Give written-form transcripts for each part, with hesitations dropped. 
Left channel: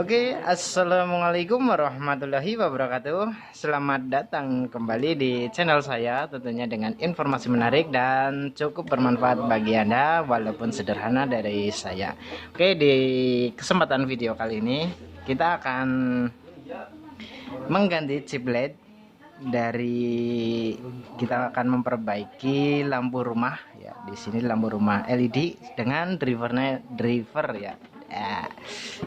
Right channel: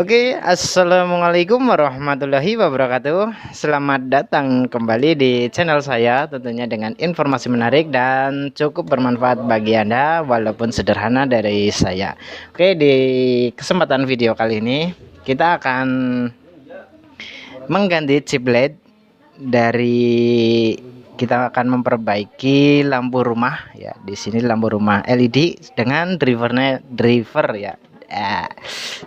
Oke, assalamualaikum warahmatullahi wabarakatuh. Selamat datang kembali di channel saya, tentunya dengan informasi menarik dan cukup bermanfaat bagi Anda, walaupun sederhana dari saya. Oke, di kesempatan video kali ini kita akan mengganti chip LED dari kita akan memperbaiki lampu rumah ya. Di sini lampu rumah LED dengan driver ya.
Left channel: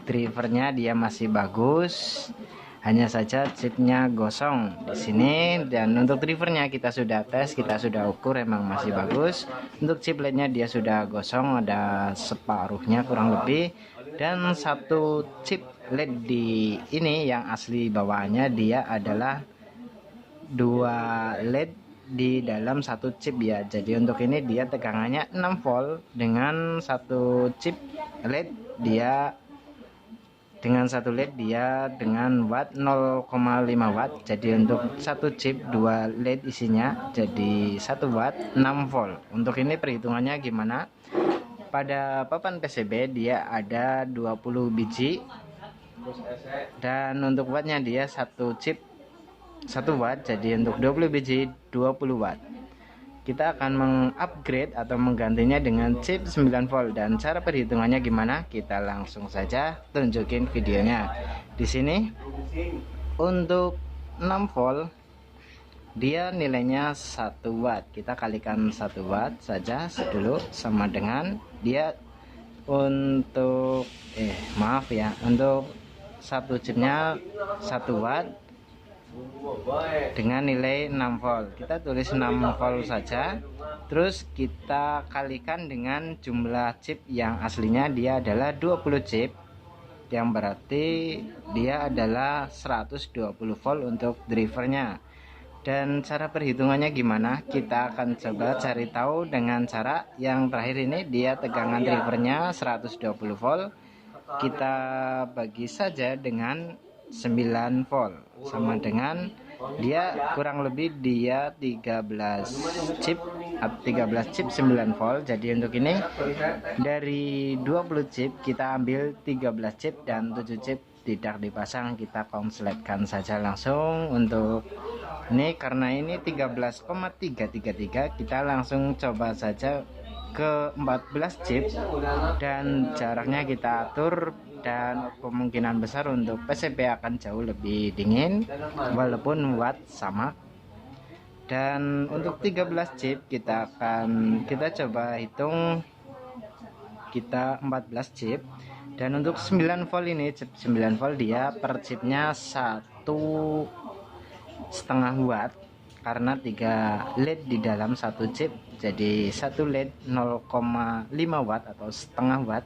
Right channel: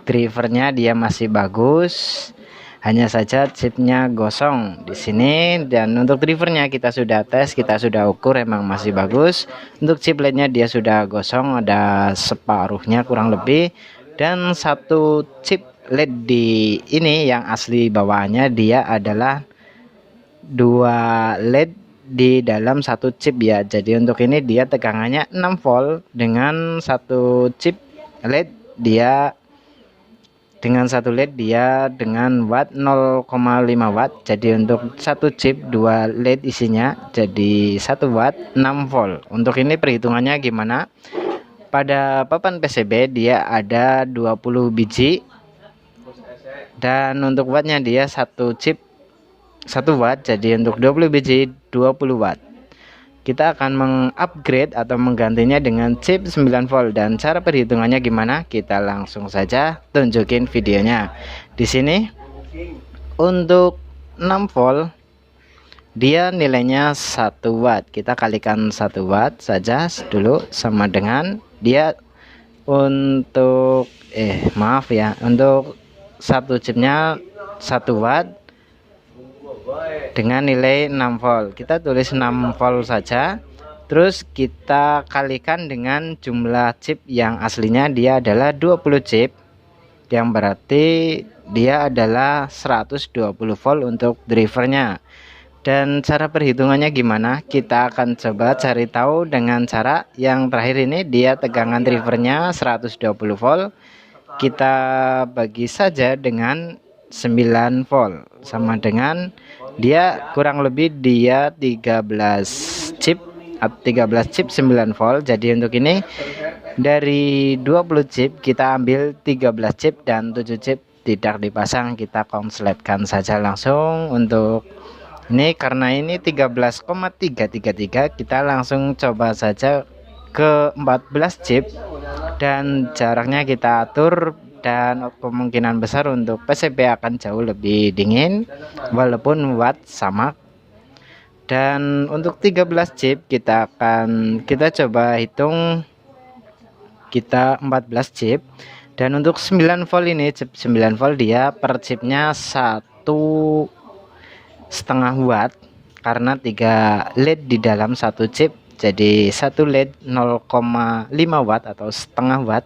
Drivernya dia masih bagus, hanya saja chipnya gosong di sini. Dan untuk drivernya kita sudah tes, kita sudah ukur, emang masih bagus. Untuk chip LED-nya dia sudah gosong, ada separuhnya kurang lebih. Dan satu chip LED di ini yang asli bawaannya dia adalah 2 LED di dalam satu chip ya. Jadi untuk ini dia tegangannya 6 volt dengan satu chip LED dia dengan watt 0,5 watt. Jadi untuk satu chip 2 LED isinya jadi 1 watt 6 volt. Untuk ini perhitungannya gimana? Pada papan PCB dia ada 20 biji dan untuk wattnya dia satu chip 1 watt. Jadi untuk 20 biji 20 watt. Kita akan mengupgrade atau menggantinya dengan chip 9 volt. Dan cara perhitungannya gimana? Kita langsung saja tunjukin videonya. Di sini untuk 6 volt dia nilainya 1 watt. Kita kalikan 1 watt saja dulu sama dengan dia untuk untuk satu chipnya 1 watt dengan nilai 6 volt. Kita tulis 6 volt saja. Terus kita kalikan dengan jumlah chip yang aslinya dia adalah 20 chip, yang berarti dia adalah 120 volt untuk drivernya. Dan cara perhitungannya gimana? Kita akan coba cari tahu dengan cara yang terakhir ini. Dia tegangan drivernya 120 volt. Kita bagi saja dengan 9 volt, sama dengan dia kurang lebih dia 13 chip 9 volt. Jadi untuk ini dari 20 chip kita ambil 13 chip dan 7 chip tidak dipasang, kita konsletkan saja langsung. Untuk ini karena ini 13,333 kita langsung coba saja ke 14 chip dan jaraknya kita atur. Dan kemungkinan besar untuk PCB akan jauh lebih dingin walaupun watt sama. Dan untuk 13 chip kita coba hitung, kita 14 chip. Dan untuk 9 volt ini, chip 9 volt dia per chipnya 1,5 watt karena 3 LED di dalam satu chip. Jadi satu LED 0,5 watt atau setengah watt.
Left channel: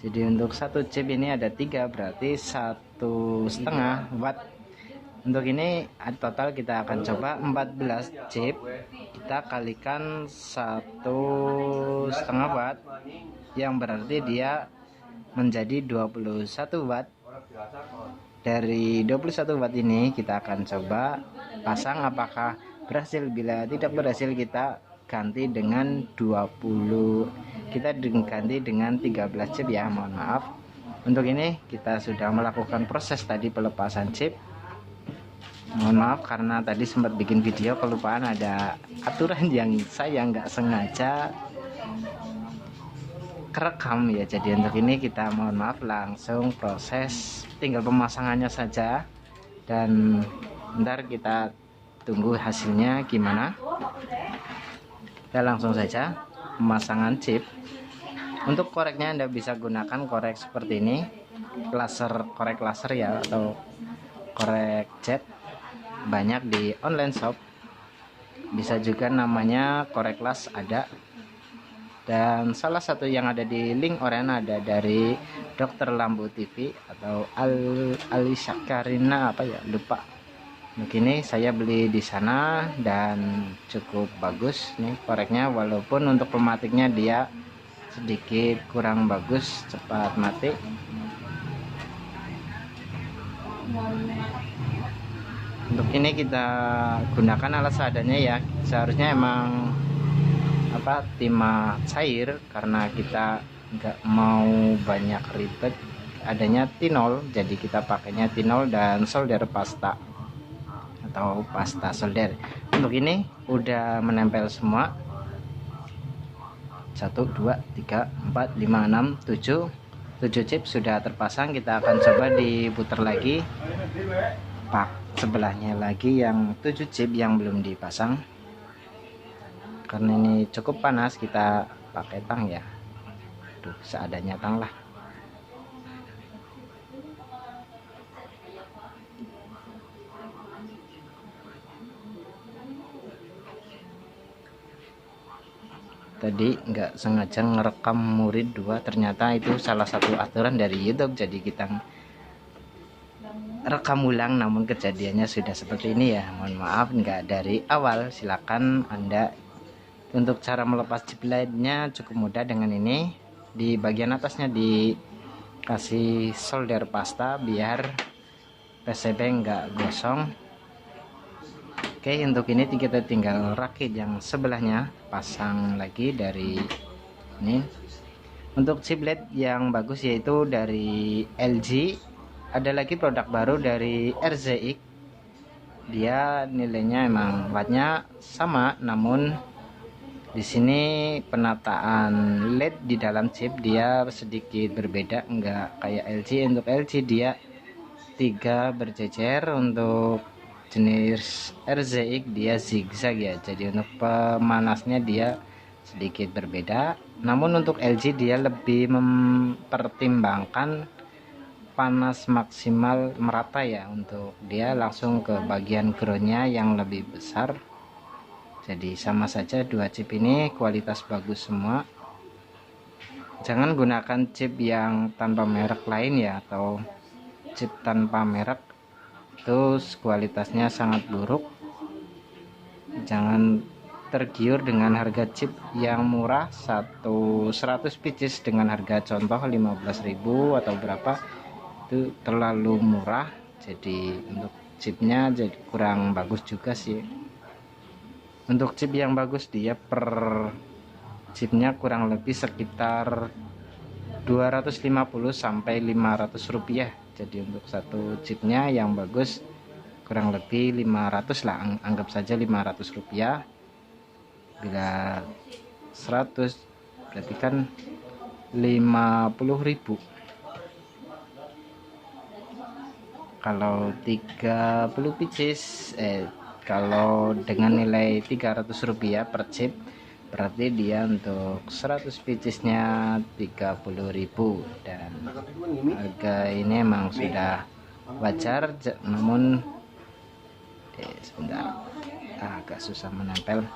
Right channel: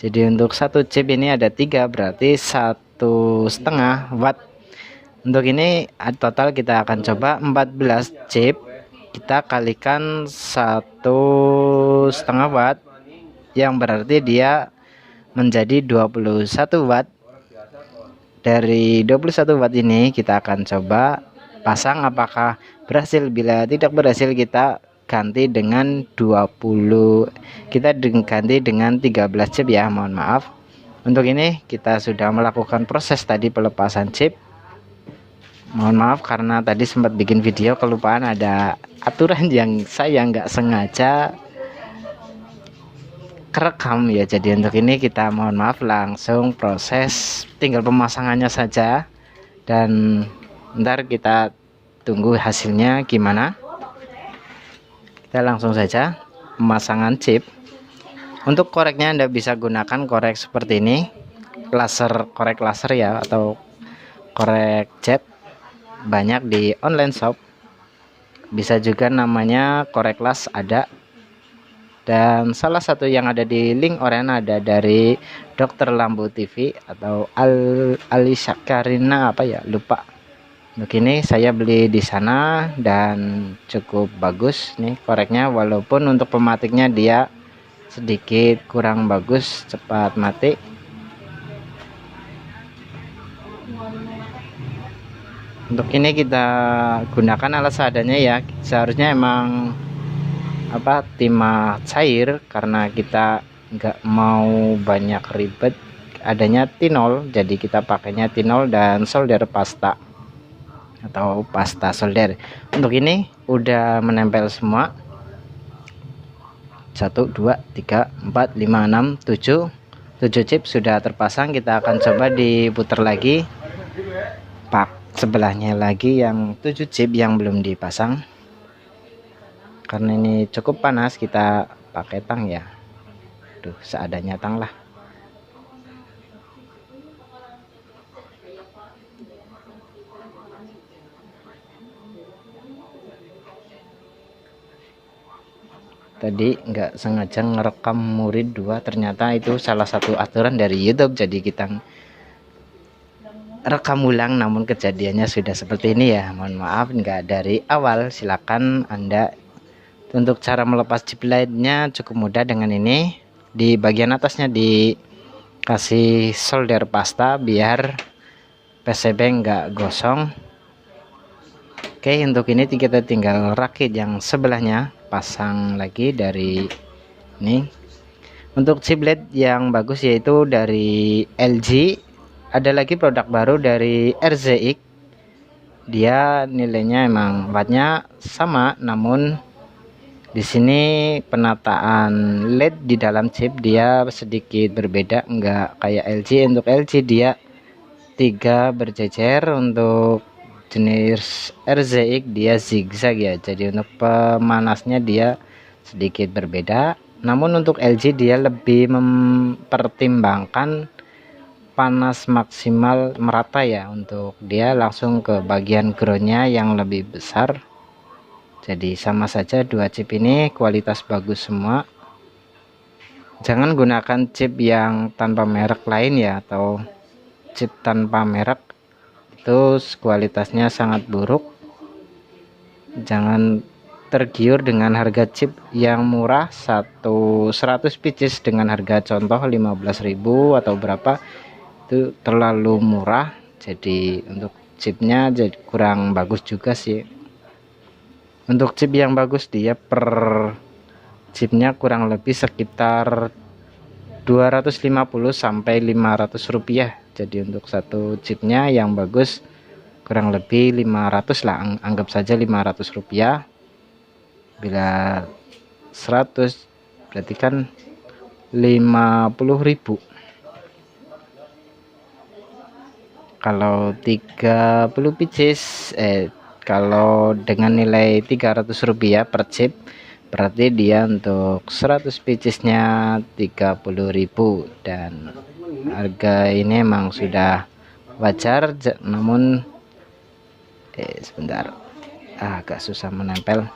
Jadi untuk satu chip ini ada 3, berarti 1,5 watt. Untuk ini total kita akan coba 14 chip, kita kalikan 1,5 watt, yang berarti dia menjadi 21 watt. Dari 21 watt ini kita akan coba pasang apakah berhasil. Bila tidak berhasil kita ganti dengan 13 chip ya, mohon maaf. Untuk ini kita sudah melakukan proses tadi pelepasan chip. Mohon maaf karena tadi sempat bikin video kelupaan, ada aturan yang saya nggak sengaja kerekam ya. Jadi untuk ini kita mohon maaf, langsung proses tinggal pemasangannya saja dan ntar kita tunggu hasilnya gimana. Kita langsung saja pemasangan chip. Untuk koreknya Anda bisa gunakan korek seperti ini, korek laser ya, atau korek jet, banyak di online shop. Bisa juga namanya korek las ada. Dan salah satu yang ada di link oranye ada dari Dokter Lampu TV atau Ali Syakarina apa ya, lupa. Begini saya beli di sana dan cukup bagus nih koreknya, walaupun untuk pematiknya dia sedikit kurang bagus, cepat mati. Untuk ini kita gunakan alat seadanya ya. Seharusnya emang timah cair, karena kita nggak mau banyak ribet adanya T0, jadi kita pakainya T0 dan solder pasta atau pasta solder. Untuk ini udah menempel semua. 1 2 3 4 5 6 7 chip sudah terpasang. Kita akan coba diputar lagi pak sebelahnya lagi yang 7 chip yang belum dipasang. Karena ini cukup panas, kita pakai tang ya. Tuh, seadanya tang lah. Tadi nggak sengaja ngerekam murid 2, ternyata itu salah satu aturan dari YouTube, jadi kita rekam ulang, namun kejadiannya sudah seperti ini ya. Mohon maaf nggak dari awal. Silakan Anda. Untuk cara melepas chip lainnya cukup mudah dengan ini. Di bagian atasnya dikasih solder pasta biar PCB nggak gosong. Oke, untuk ini kita tinggal rakit yang sebelahnya, pasang lagi dari ini. Untuk chip LED yang bagus yaitu dari LG. Ada lagi produk baru dari RZX. Dia nilainya emang wattnya sama, namun di sini penataan LED di dalam chip dia sedikit berbeda, enggak kayak LG. Untuk LG dia 3 berjejer, untuk jenis RZX dia zigzag ya, jadi untuk pemanasnya dia sedikit berbeda. Namun untuk LG dia lebih mempertimbangkan panas maksimal merata ya, untuk dia langsung ke bagian groundnya yang lebih besar. Jadi sama saja dua chip ini kualitas bagus semua. Jangan gunakan chip yang tanpa merek lain ya, atau chip tanpa merek itu kualitasnya sangat buruk. Jangan tergiur dengan harga chip yang murah, 100 pieces dengan harga contoh 15.000 atau berapa, itu terlalu murah. Jadi untuk chipnya jadi kurang bagus juga sih. Untuk chip yang bagus dia per chipnya kurang lebih sekitar 250 sampai 500 rupiah. Jadi untuk satu chipnya yang bagus kurang lebih 500 lah, anggap saja 500 rupiah. Bila 100 berarti kan 50.000. Kalau 30 pieces kalau dengan nilai 300 rupiah per chip, berarti dia untuk 100 piecesnya 30.000, dan harga ini emang sudah wajar. Namun sebentar, agak susah menempel.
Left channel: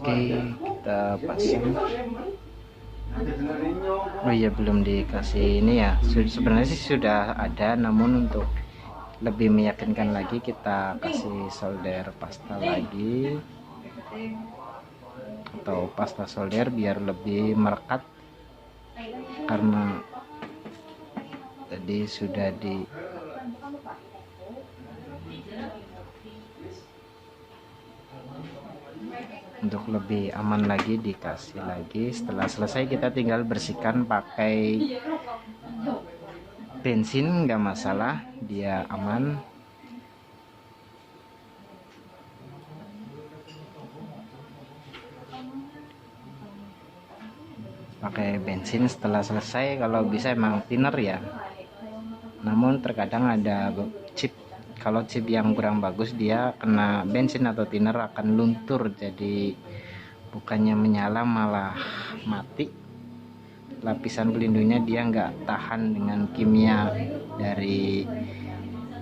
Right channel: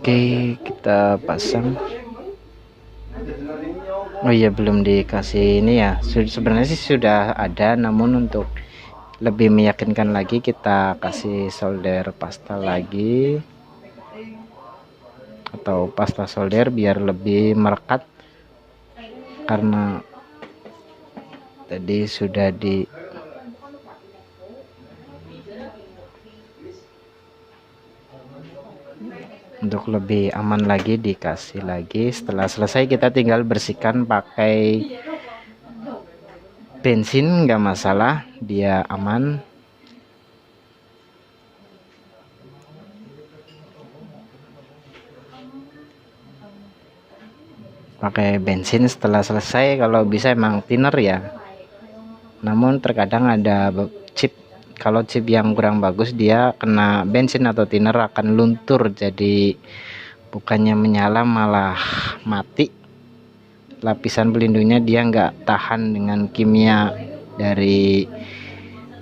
Oke, kita pasang. Oh iya, belum dikasih ini ya. Sebenarnya sih sudah ada, namun untuk lebih meyakinkan lagi kita kasih solder pasta lagi, atau pasta solder biar lebih merekat, karena tadi sudah di untuk lebih aman lagi dikasih lagi. Setelah selesai kita tinggal bersihkan pakai bensin, nggak masalah, dia aman. Pakai bensin setelah selesai, kalau bisa emang thinner ya. Namun terkadang ada chip, kalau chip yang kurang bagus dia kena bensin atau thinner akan luntur, jadi bukannya menyala malah mati. Lapisan pelindungnya dia nggak tahan dengan kimia dari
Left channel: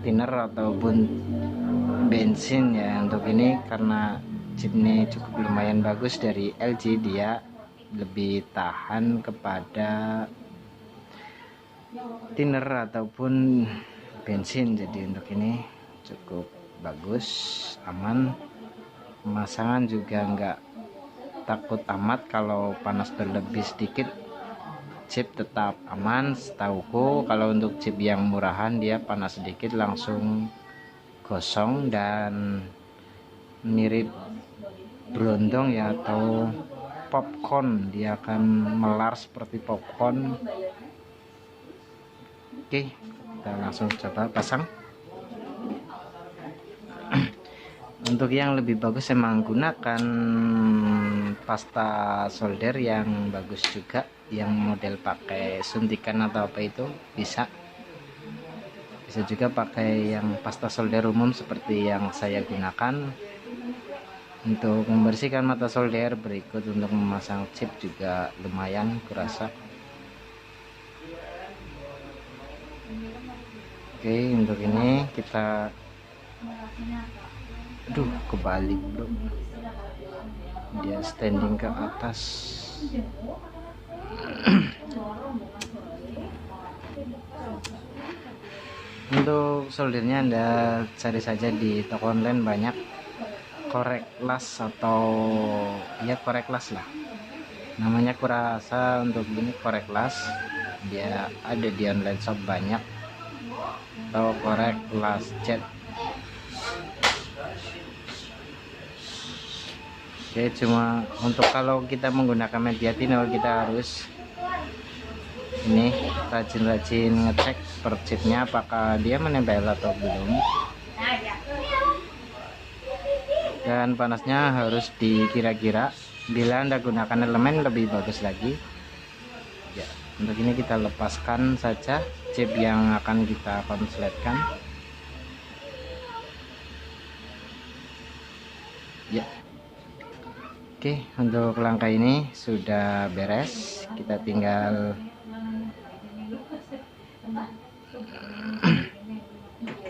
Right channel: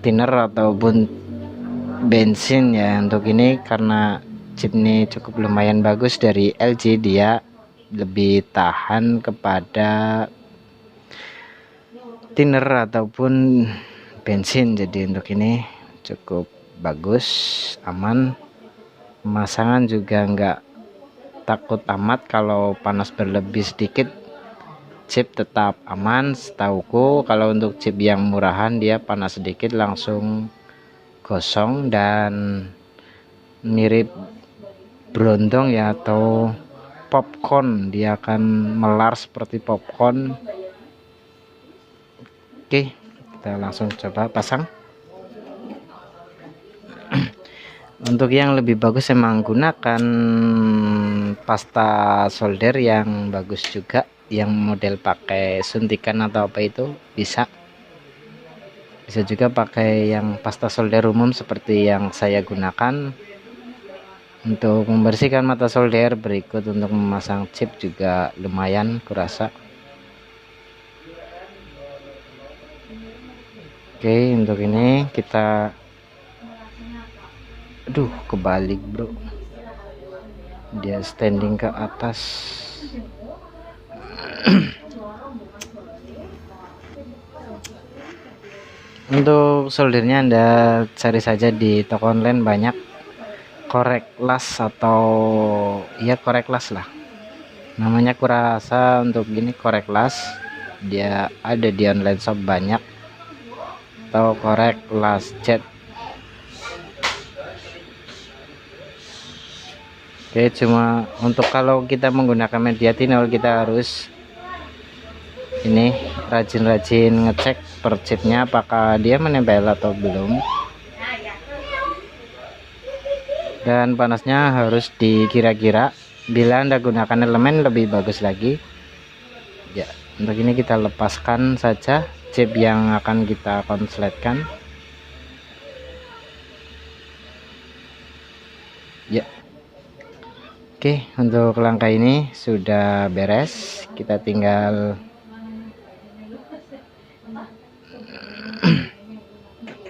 thinner ataupun bensin ya. Untuk ini karena chip ini cukup lumayan bagus dari LG, dia lebih tahan kepada thinner ataupun bensin, jadi untuk ini cukup bagus, aman. Pemasangan juga nggak takut amat, kalau panas berlebih sedikit chip tetap aman. Setauku kalau untuk chip yang murahan dia panas sedikit langsung gosong dan mirip berondong ya, atau popcorn, dia akan melar seperti popcorn. Oke, kita langsung coba pasang. Untuk yang lebih bagus emang gunakan pasta solder yang bagus juga, yang model pakai suntikan atau apa itu bisa juga pakai yang pasta solder umum seperti yang saya gunakan. Untuk membersihkan mata solder berikut untuk memasang chip juga lumayan kurasa. Oke, untuk ini kita kebalik bro, dia standing ke atas. Untuk soldernya Anda cari saja di toko online, banyak korek las atau ya korek las lah namanya, kurasa untuk gini korek las, dia ada di online shop banyak, atau korek las cat. Oke, cuma untuk kalau kita menggunakan media tinol kita harus ini rajin-rajin ngecek per chipnya apakah dia menempel atau belum, dan panasnya harus dikira-kira. Bila Anda gunakan elemen lebih bagus lagi ya. Untuk ini kita lepaskan saja chip yang akan kita konsletkan ya. Oke, untuk langkah ini sudah beres, kita tinggal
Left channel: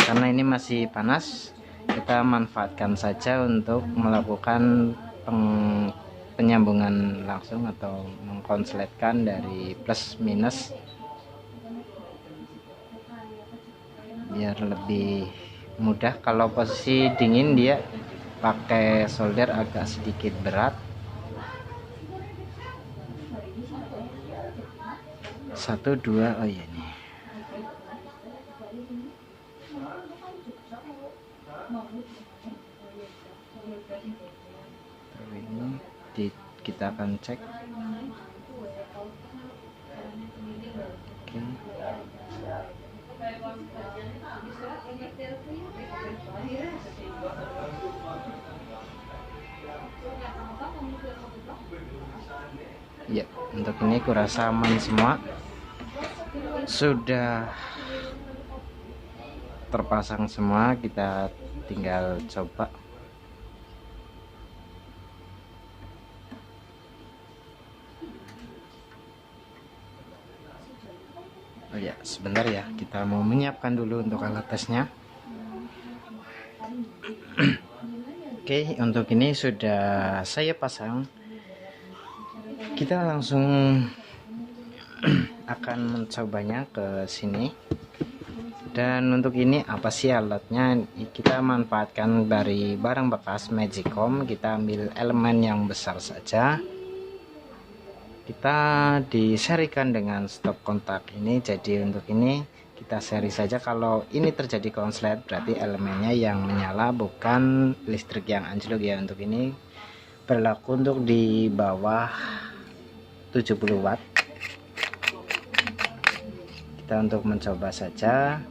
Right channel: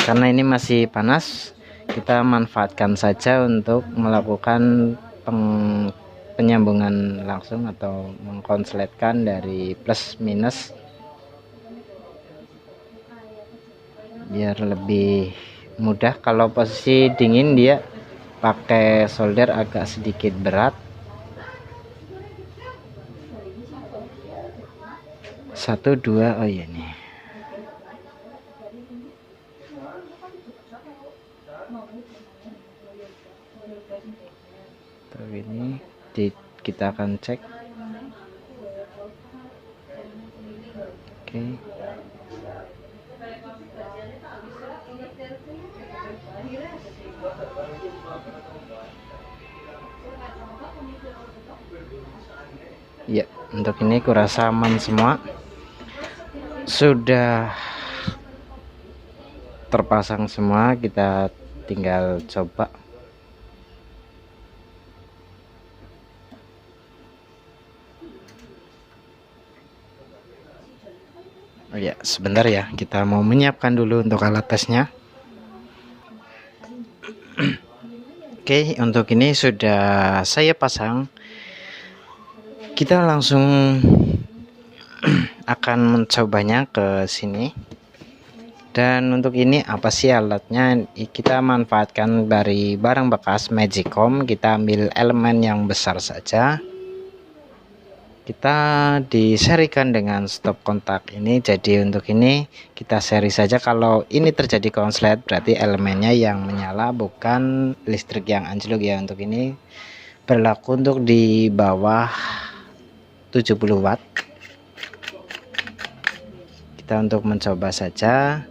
karena ini masih panas, kita manfaatkan saja untuk melakukan penyambungan langsung atau mengkonsletkan dari plus minus biar lebih mudah. Kalau posisi dingin dia pakai solder agak sedikit berat. 1 2 oh iya nih. Ini kita akan cek. Oke. Ya, untuk ini kurasa aman semua, sudah terpasang semua, kita tinggal coba. Oh ya, sebentar ya, kita mau menyiapkan dulu untuk alat tesnya. Oke, untuk ini sudah saya pasang. Kita langsung akan mencobanya ke sini. Dan untuk ini apa sih alatnya? Kita manfaatkan dari barang bekas Magicom. Kita ambil elemen yang besar saja. Kita diserikan dengan stop kontak ini. Jadi untuk ini kita seri saja. Kalau ini terjadi konslet berarti elemennya yang menyala, bukan listrik yang anjlok ya. Untuk ini berlaku untuk di bawah 70 watt. Kita untuk mencoba saja,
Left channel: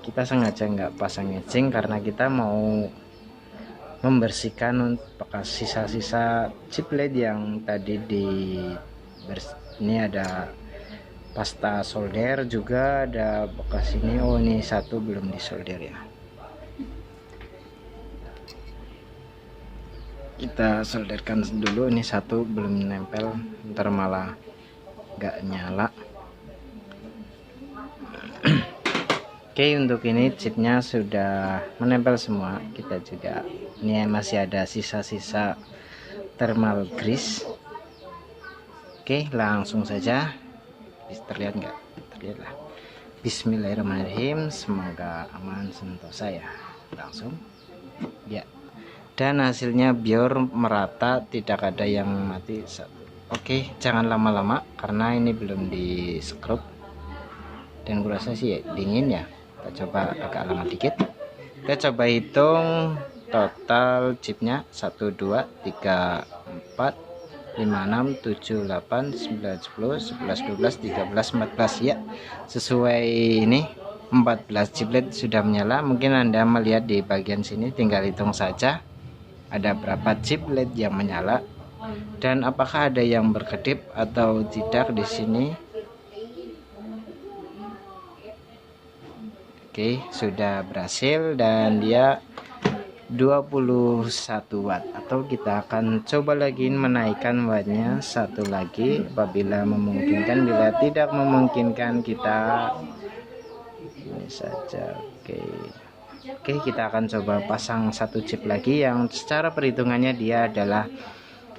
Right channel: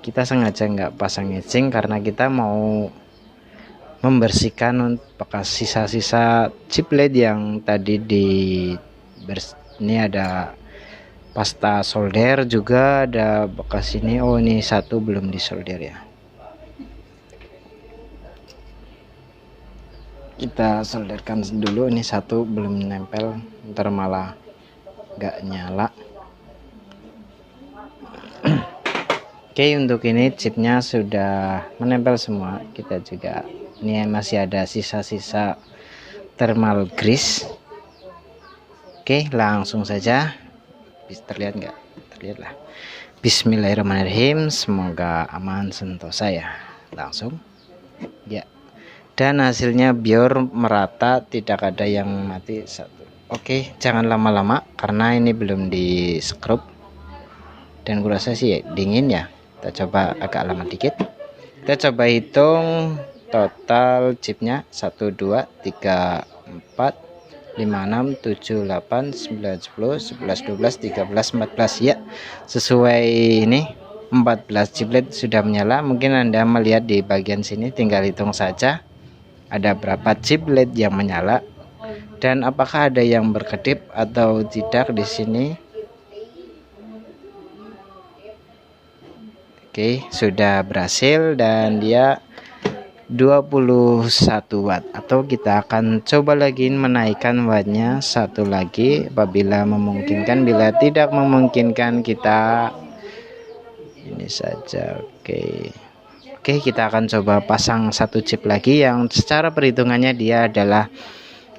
kita sengaja nggak pasang ngecing karena kita mau membersihkan bekas sisa-sisa chip LED yang tadi ini ada pasta solder juga, ada bekas ini. Oh ini satu belum disolder ya, kita solderkan dulu. Ini satu belum nempel, ntar malah nggak nyala. Oke, untuk ini chipnya sudah menempel semua. Kita juga ini masih ada sisa-sisa thermal grease. Oke, langsung saja. Terlihat nggak? Terlihat lah. Bismillahirrahmanirrahim. Semoga aman sentosa ya. Langsung ya. Dan hasilnya biar merata, tidak ada yang mati satu. Oke, jangan lama-lama karena ini belum di scrub dan kurasa sih dingin ya. Kita coba agak lama dikit. Kita coba hitung total chipnya 1 2 3 4, 5, 6, 7, 8, 9, 10, 11, 12, 13, 14. Ya, sesuai ini 14 chip LED sudah menyala. Mungkin Anda melihat di bagian sini, tinggal hitung saja ada berapa chip LED yang menyala dan apakah ada yang berkedip atau tidak di sini. Oke, sudah berhasil dan dia 21 watt, atau kita akan coba lagi menaikkan wattnya satu lagi apabila memungkinkan. Bila tidak memungkinkan, kita ini saja. Oke, kita akan coba pasang satu chip lagi yang secara perhitungannya dia adalah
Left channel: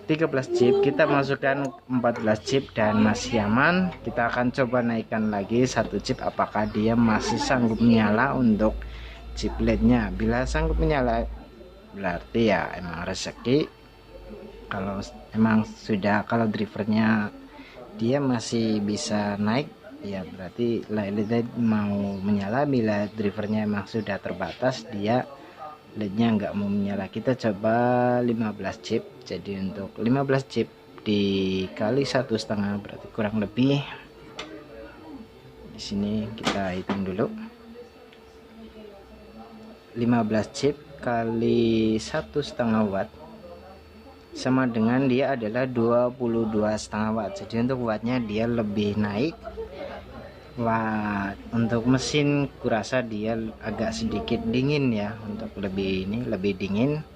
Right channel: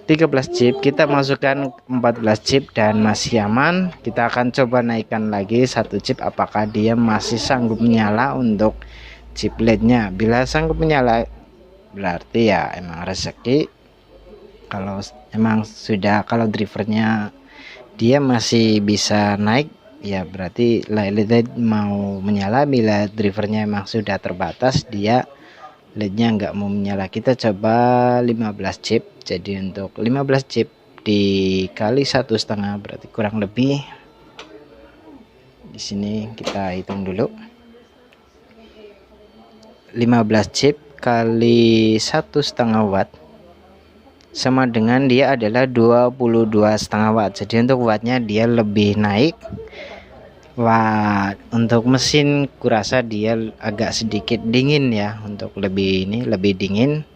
13 chip. Kita masukkan 14 chip dan masih aman. Kita akan coba naikkan lagi satu chip, apakah dia masih sanggup menyala untuk chip LED-nya. Bila sanggup menyala, berarti ya emang rezeki. Kalau emang sudah, kalau drivernya dia masih bisa naik, ya berarti LED mau menyala. Bila drivernya emang sudah terbatas, dia LED-nya nggak mau menyala. Kita coba 15 chip. Jadi untuk 15 chip dikali 1,5 berarti kurang lebih, di sini kita hitung dulu, 15 chip kali 1,5 watt sama dengan dia adalah 22,5 watt. Jadi untuk wattnya dia lebih naik. Wah, untuk mesin kurasa dia agak sedikit dingin ya, untuk lebih dingin,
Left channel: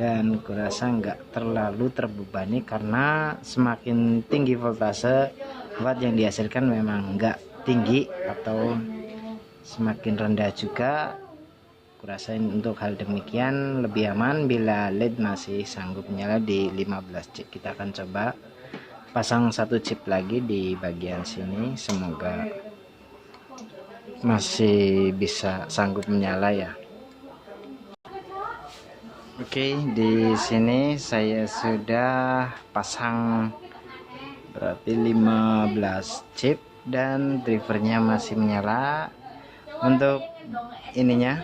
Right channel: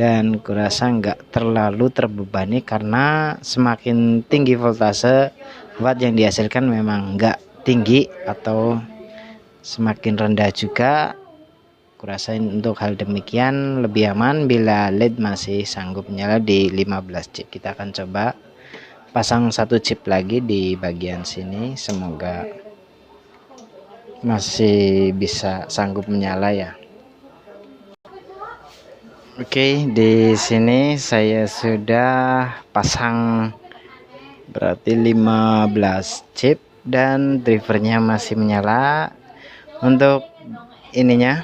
dan kurasa nggak terlalu terbebani karena semakin tinggi voltase watt yang dihasilkan memang nggak tinggi, atau semakin rendah juga kurasa. Untuk hal demikian lebih aman bila LED masih sanggup menyala di 15 chip. Kita akan coba pasang satu chip lagi di bagian sini, semoga masih bisa sanggup menyala ya. Oke, di sini saya sudah pasang berarti 15 chip dan drivernya masih menyala. Untuk ininya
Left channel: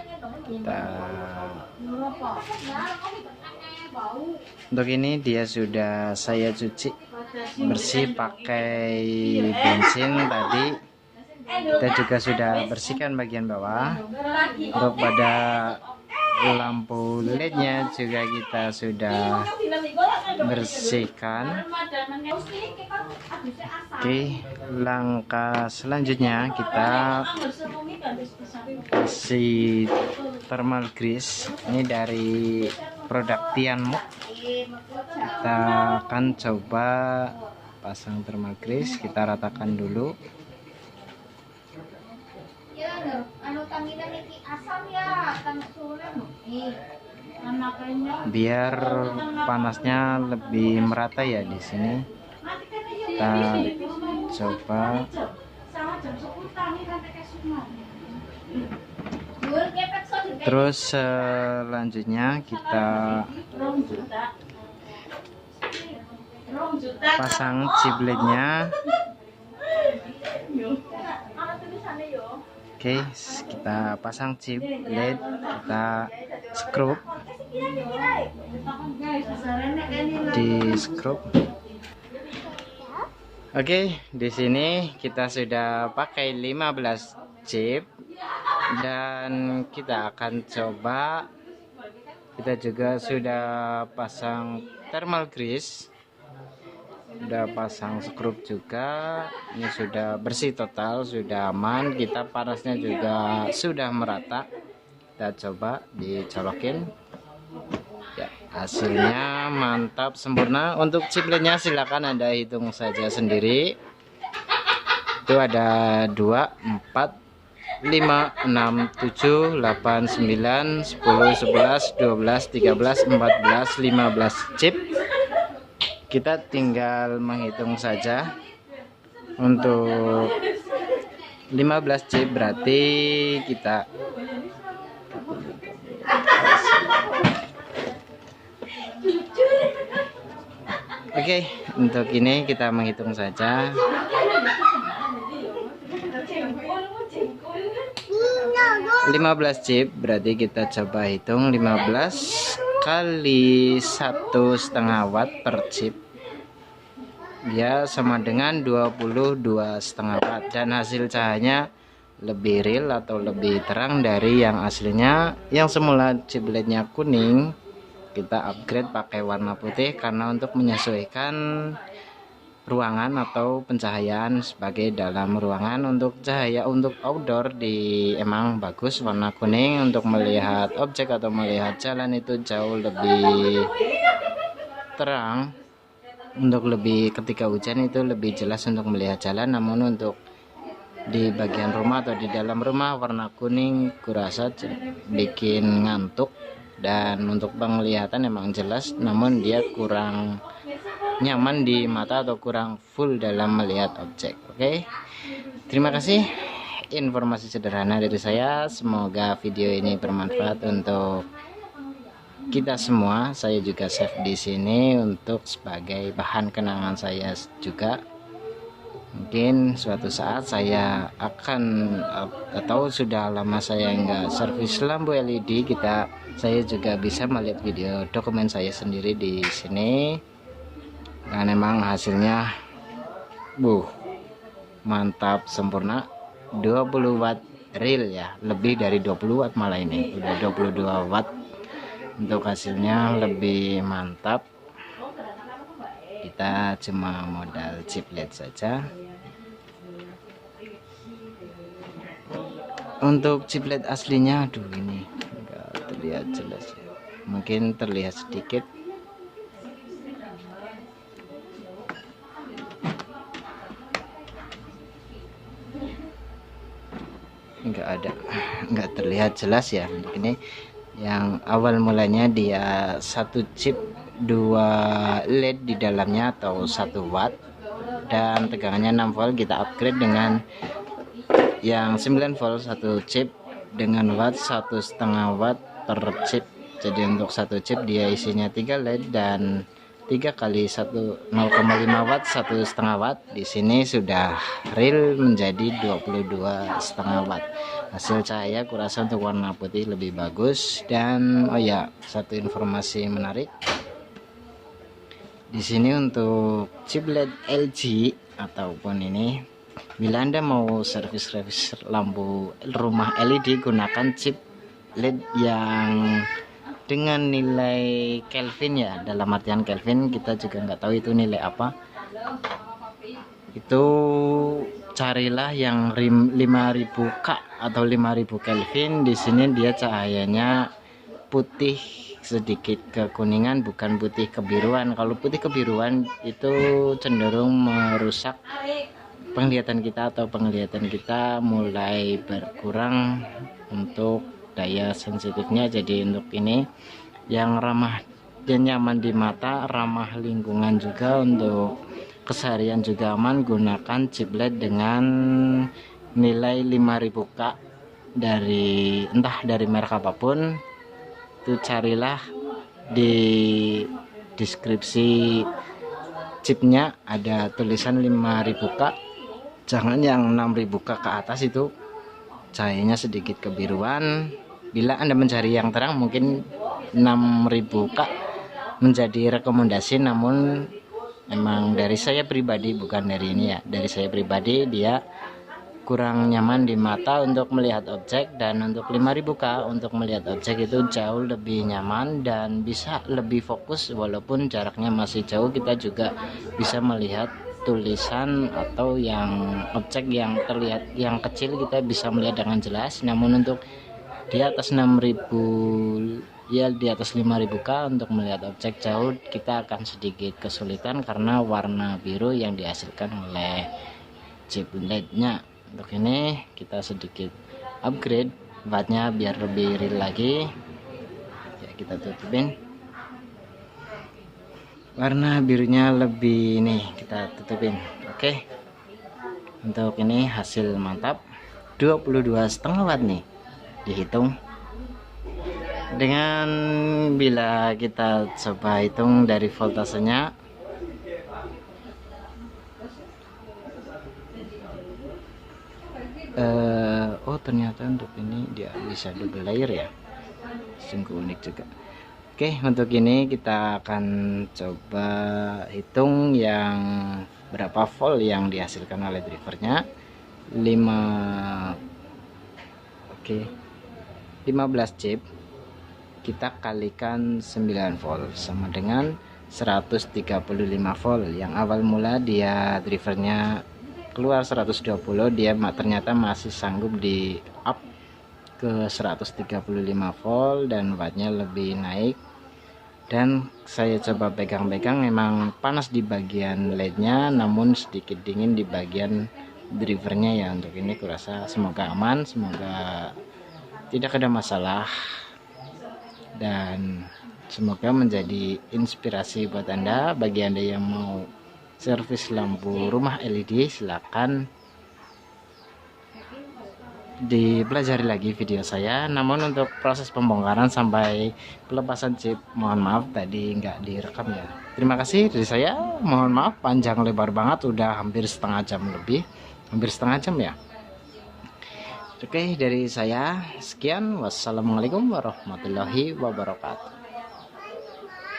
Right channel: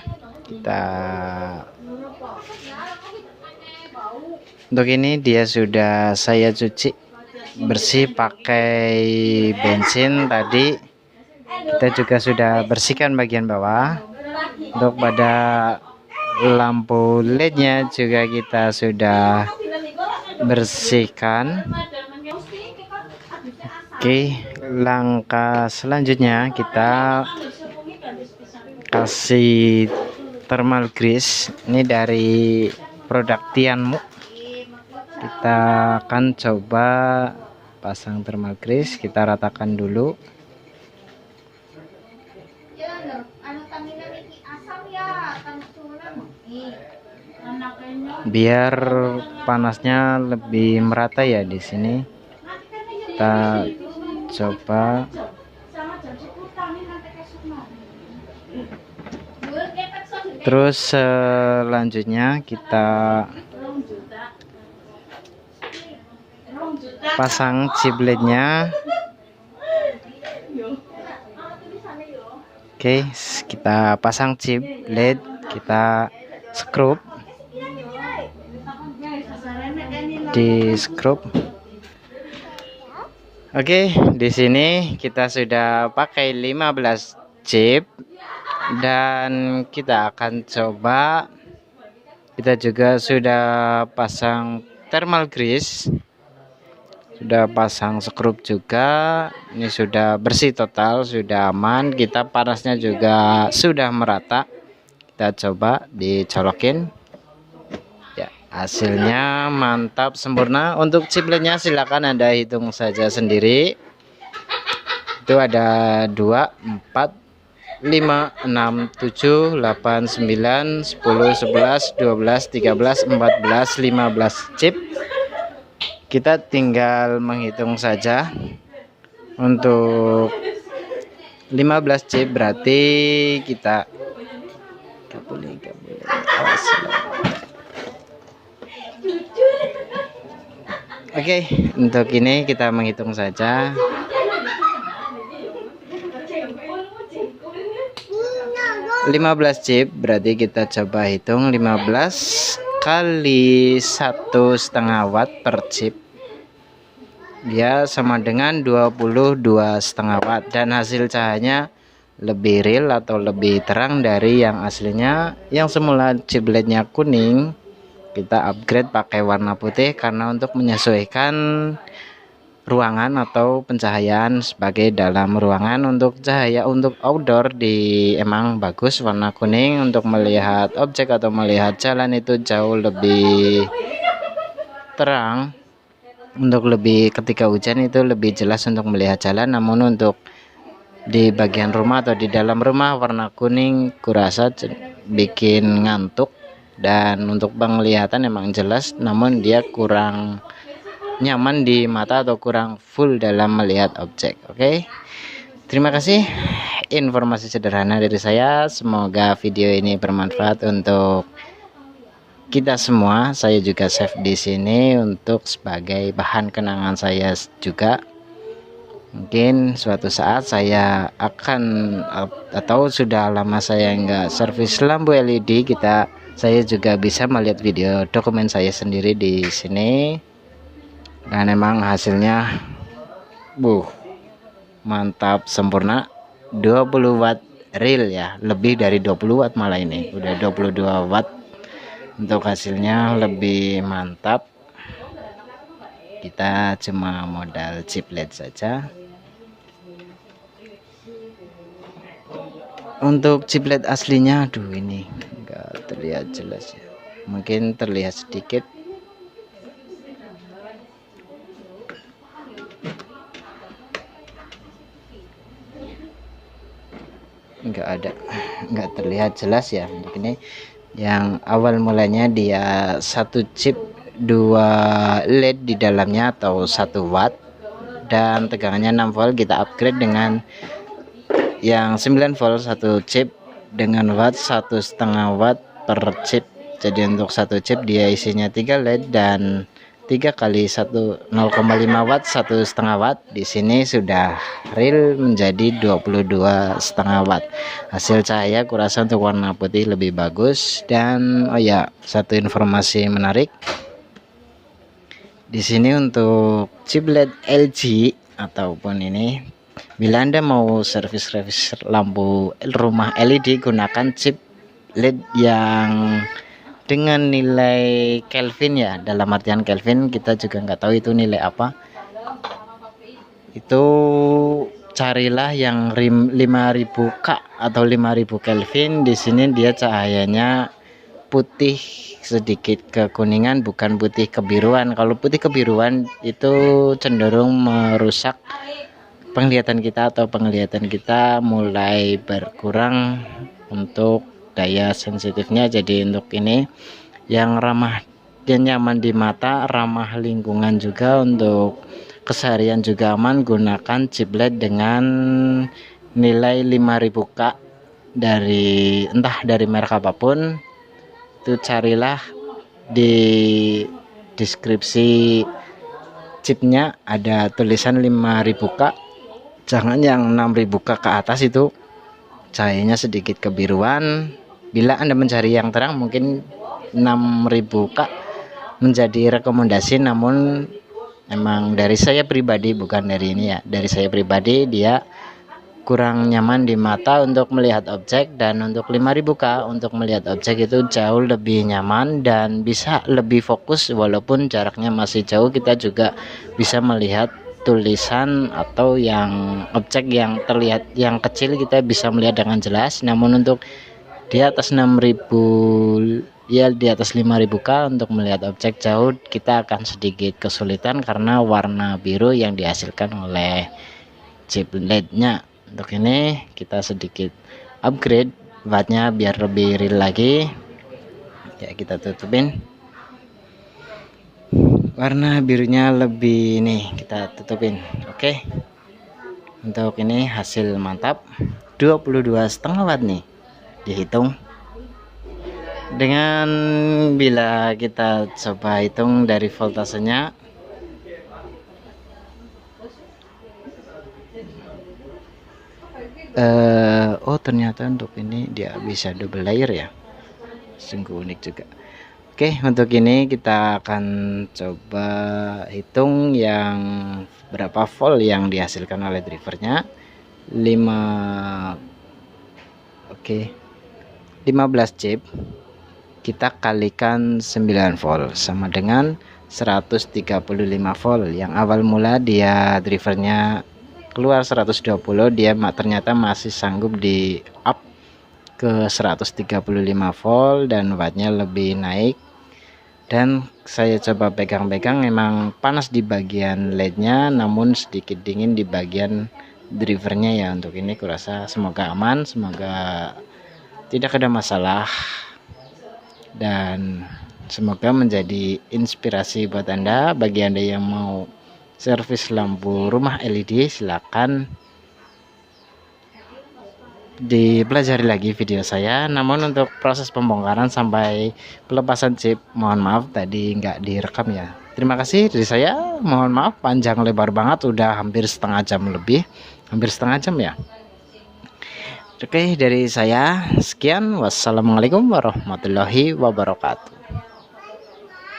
untuk ini dia sudah saya cuci bersih pakai bensin tadi. Kita juga sudah bersihkan bagian bawah. Untuk pada lampu LED-nya juga kita sudah bersihkan. Oke, langkah selanjutnya kita kasih thermal grease. Ini dari produk Tianmu. Kita akan coba pasang thermal grease. Kita ratakan dulu. Biar panasnya lebih merata ya di sini. Kita coba. Terus selanjutnya kita pasang chip LED-nya. Oke, kita pasang chip LED, kita skrup di skrup. Oke, di sini kita sudah pakai 15 chip dan kita akan coba. Kita juga sudah pasang thermal grease, sudah pasang skrup juga. Ini sudah bersih total, sudah aman. Kita panasnya juga sudah merata. Kita coba dicolokin. Ya, hasilnya mantap sempurna. Untuk chip LED-nya silakan Anda hitung saja sendiri. Itu ada 2, 4, 5, 6, 7, 8, 9, 10, 11, 12, 13, 14, 15 chip. Kita tinggal menghitung saja. Untuk 15 chip berarti kita Oke, untuk ini kita menghitung saja. Lima 15 chip berarti kita coba hitung 15 kali 1,5 watt per chip, dia sama dengan 22,5 watt, dan hasil cahayanya lebih real atau lebih terang dari yang aslinya. Yang semula chip LED-nya kuning, kita upgrade pakai warna putih karena untuk menyesuaikan ruangan atau pencahayaan sebagai dalam ruangan. Untuk cahaya untuk outdoor emang bagus warna kuning, untuk melihat objek atau melihat jalan itu jauh lebih terang. Untuk lebih ketika hujan itu lebih jelas untuk melihat jalan. Namun untuk di bagian rumah atau di dalam rumah, warna kuning kurasa bikin ngantuk, dan untuk penglihatan emang jelas namun dia kurang nyaman di mata atau kurang full dalam melihat objek. Oke, terima kasih informasi sederhana dari saya. Semoga video ini bermanfaat untuk kita semua. Saya juga save di sini untuk sebagai bahan kenangan saya juga. Mungkin suatu saat saya akan, atau sudah lama saya nggak servis lampu LED, saya juga bisa melihat video dokumen saya sendiri di sini. Dan emang hasilnya mantap sempurna. 20 watt real ya, lebih dari 20 watt malah, ini udah 22 watt. Untuk hasilnya lebih mantap. Kita cuma modal chip LED saja. Untuk chip LED aslinya, aduh ini enggak terlihat jelas ya, mungkin terlihat sedikit. Enggak terlihat jelas ya. Untuk ini yang awal mulanya dia satu chip 2 LED di dalamnya atau 1 watt, dan tegangannya 6 volt. Kita upgrade dengan yang 9 volt satu chip dengan watt 1,5 watt per chip. Jadi untuk satu chip dia isinya 3 LED dan 3 kali 0,5 watt 1,5 watt. Di sini sudah real menjadi 22,5 watt. Hasil cahaya kurasa untuk warna putih lebih bagus. Dan oh ya, satu informasi menarik di sini untuk chip LED LG ataupun ini, bila Anda mau servis lampu rumah LED, gunakan chip LED yang dengan nilai Kelvin ya. Dalam artian Kelvin, kita juga nggak tahu itu nilai apa. Itu carilah yang 5000K atau 5000 Kelvin. Di sini dia cahayanya putih sedikit kekuningan, bukan putih kebiruan. Kalau putih kebiruan itu cenderung merusak penglihatan kita, atau penglihatan kita mulai berkurang untuk daya sensitifnya. Jadi untuk ini yang ramah dan nyaman di mata, ramah lingkungan juga, untuk keseharian juga aman, gunakan chip LED dengan nilai 5000K dari entah dari merek apapun. Itu carilah di deskripsi chipnya ada tulisan 5000K, jangan yang 6000K ke atas, itu cahayanya sedikit kebiruan. Bila Anda mencari yang terang, mungkin 6000K menjadi rekomendasi. Namun emang dari saya pribadi, bukan dari ini ya, dari saya pribadi dia kurang nyaman di mata untuk melihat objek. Dan untuk 5000K untuk melihat objek itu jauh lebih nyaman dan bisa lebih fokus. Walaupun jaraknya masih jauh, kita juga bisa melihat tulisan atau yang objek yang terlihat yang kecil, kita bisa melihat dengan jelas. Namun untuk di atas 6000 ya, di atas 5000K untuk melihat objek jauh, kita akan sedikit kesulitan karena warna biru yang dihasilkan oleh chip LED-nya. Untuk ini kita sedikit upgrade wattnya biar lebih real lagi ya. Kita tutupin warna birunya lebih, nih kita tutupin. Oke, untuk ini hasil mantap 22,5 watt nih dihitung. Dengan bila kita coba hitung dari voltasenya, oh ternyata untuk ini dia bisa double layer ya, sungguh unik juga. Oke, untuk ini kita akan coba hitung yang berapa volt yang dihasilkan oleh drivernya. 5 oke, 15 chip kita kalikan 9 volt sama dengan 135 volt. Yang awal mula dia drivernya keluar 120, dia ternyata masih sanggup di up ke 135 volt dan wattnya lebih naik. Dan saya coba pegang-pegang, memang panas di bagian LED-nya, namun sedikit dingin di bagian drivernya ya. Untuk ini kurasa semoga aman, semoga tidak ada masalah, dan semoga menjadi inspirasi buat Anda. Bagi Anda yang mau servis lampu rumah LED, silakan dipelajari lagi video saya. Namun untuk proses pembongkaran sampai pelepasan chip, mohon maaf tadi nggak direkam ya. Terima kasih dari saya, mohon maaf panjang lebar banget, udah hampir setengah jam lebih, hampir setengah jam ya. Oke, dari saya sekian, wassalamualaikum warahmatullahi wabarakatuh.